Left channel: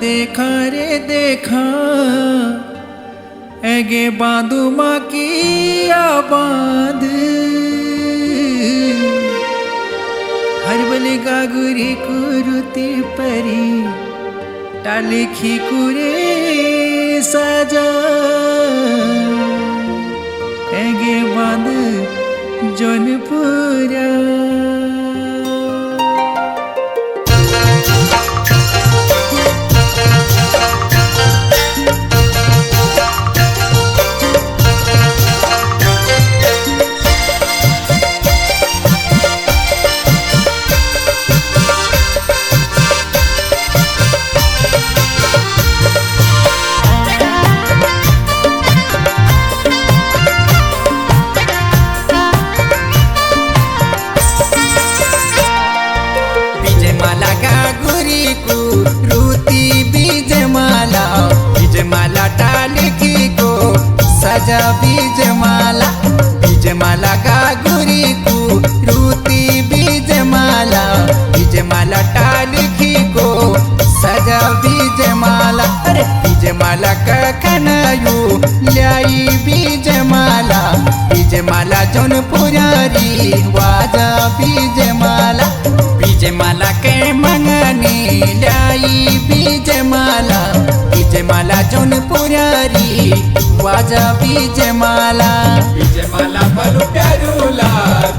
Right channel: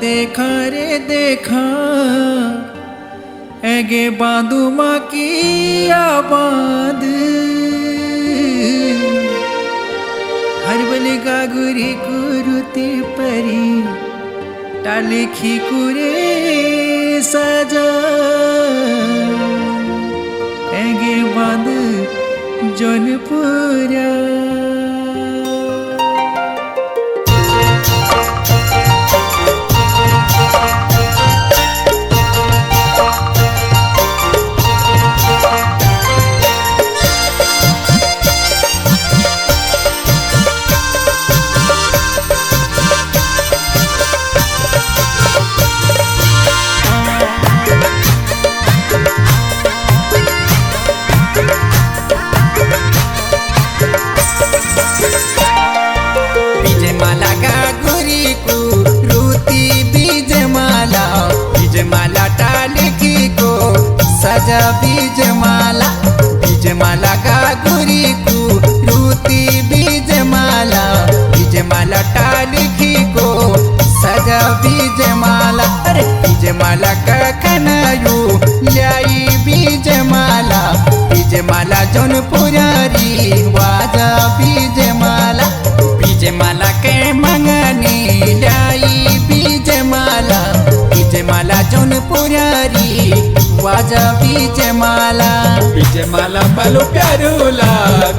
देखा रे देखा एगे बांधू माँ की आबाद हरबले गागुरी कुरुती परी टाले खीकुरे सजा एगे बांध जौनपुरा माला गागुरी को रूती बीज माला टालकी को सजा बीज माला गागुरी को रूती बीज माला टालकी को सजा बीज माला कखनायु लाई बीज माला जौनपुरारी वाजा बीज माला के मंगनी लाई बीज माला जौनपुरारी वाजा बीज माला पलु प्यारूला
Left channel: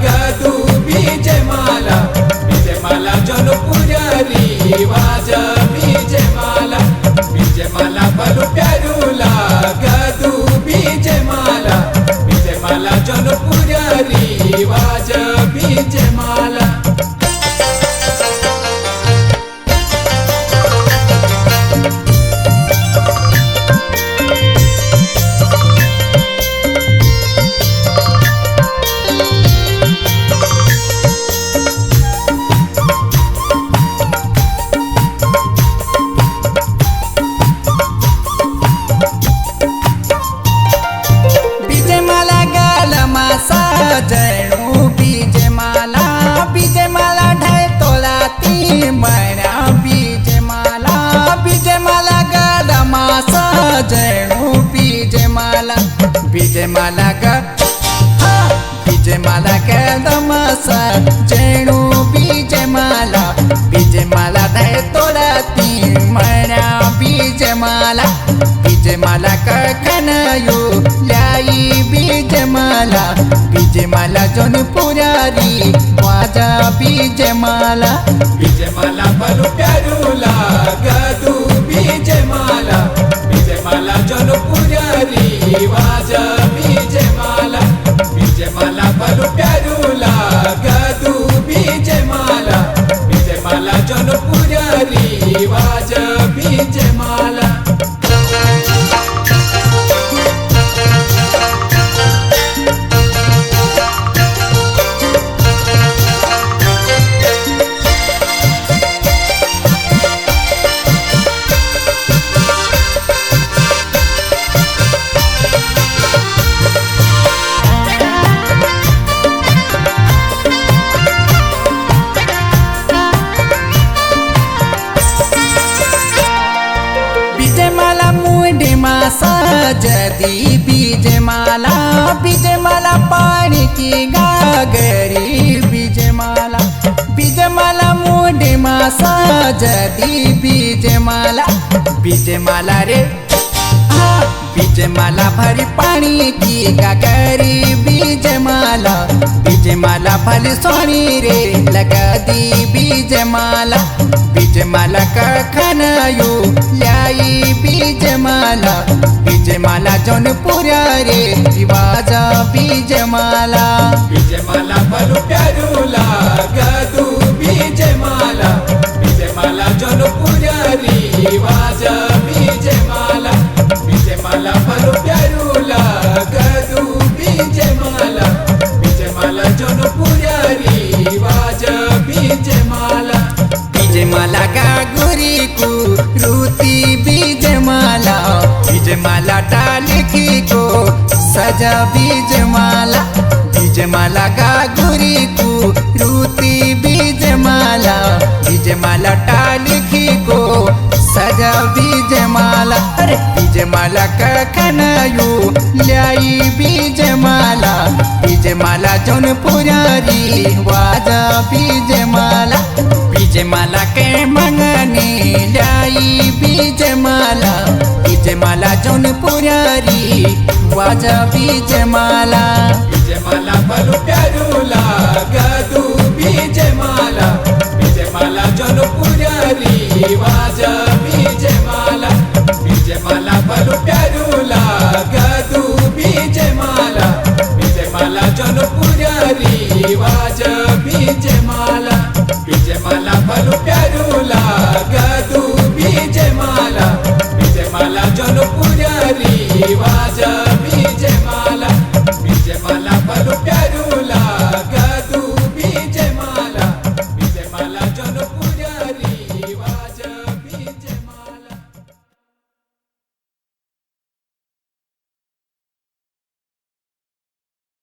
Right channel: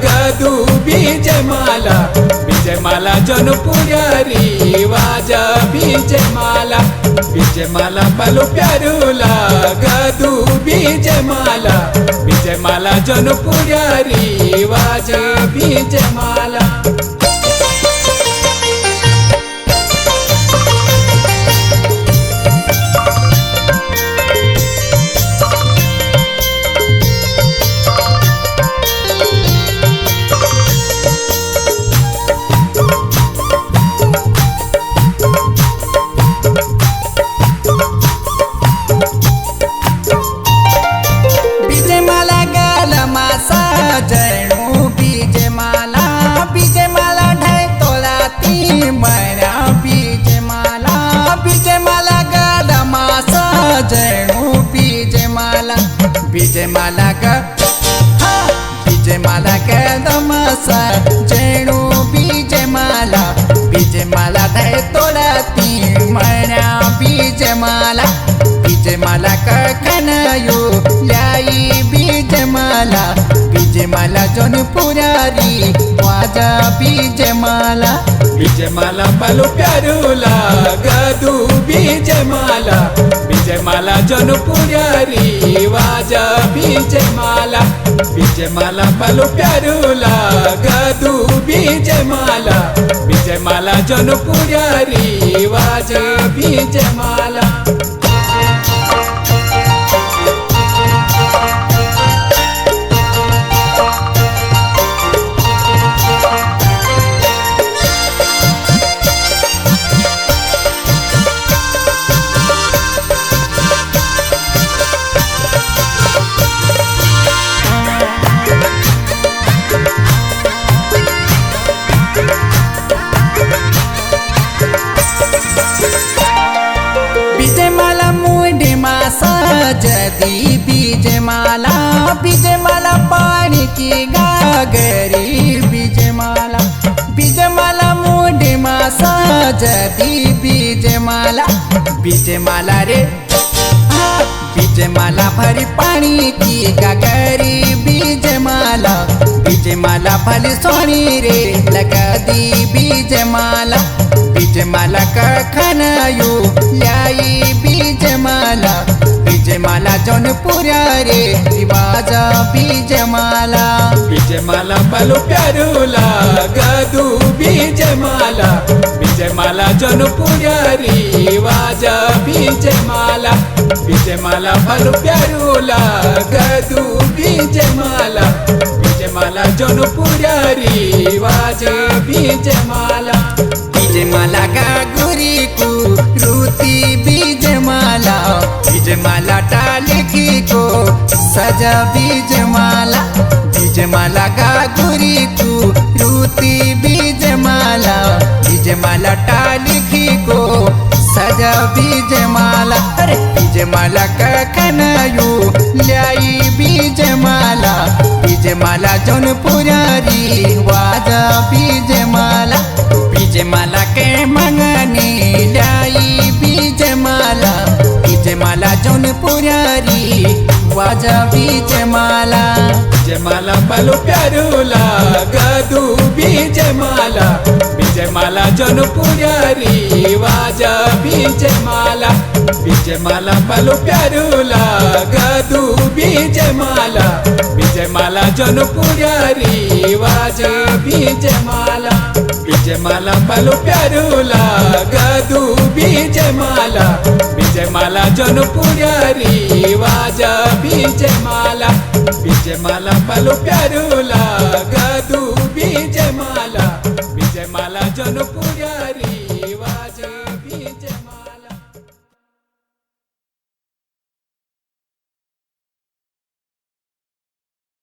गदू बीज माला जौनपुरारी वाजा बीज माला पलु प्यारूला गदू बीज माला जौनपुरारी वाजा बीज माला जणू बीज माला ढाई तोला ती मरा बीज माला गाला मासा जणू बीज माला ग बीज माला गाला मासा जणू बीज माला ढाई तोला ती मरा बीज माला कखनायु लाई बीज माला जौनपुरारी वाजा बीज माला पलु प्यारूला गदू बीज माला जौनपुरारी वाजा बीज माला पलु प्यारूला गदू बीज माला जौनपुरारी वाजा बीज माला सजदी बीज माला पानी की गागरी बीज माला मुंडी मा सजदी बीज माला रे बीज माला भरी पानी की गागरी बीज माला भली सोनी रे लगा दी बीज माला कखनायु लाई बीज माला जौनपुरारी रिवाजा बीज माला पलु प्यारूला गदू बीज माला जौनपुरारी वाजा बीज माला पलु प्यारूला गदू बीज माला जौनपुरारी वाजा बीज माला गागुरी को रूती बीज माला टालकी को सजा बीज बीजमाला गागुरी कुरुती बीजमाला बीजमाला टालिखी को सजा बीजमाला अरे बीजमाला कखनयू ल्याई बीजमाला जौनपुरी वाजा बीजमाला के मंगनी ल्याई बीजमाला जौनपुरी वाजा बीजमाला बलु प्यारूला गदू बीजमाला जौनपुरी वाजा बीजमाला बलु प्यारूला गदू बीजमाला जौनपुरी वाजा बीजमाला बलु प्यारूला गदू बीजमाला जौनपुरी वाजा बीजमाला बलु प्यारूला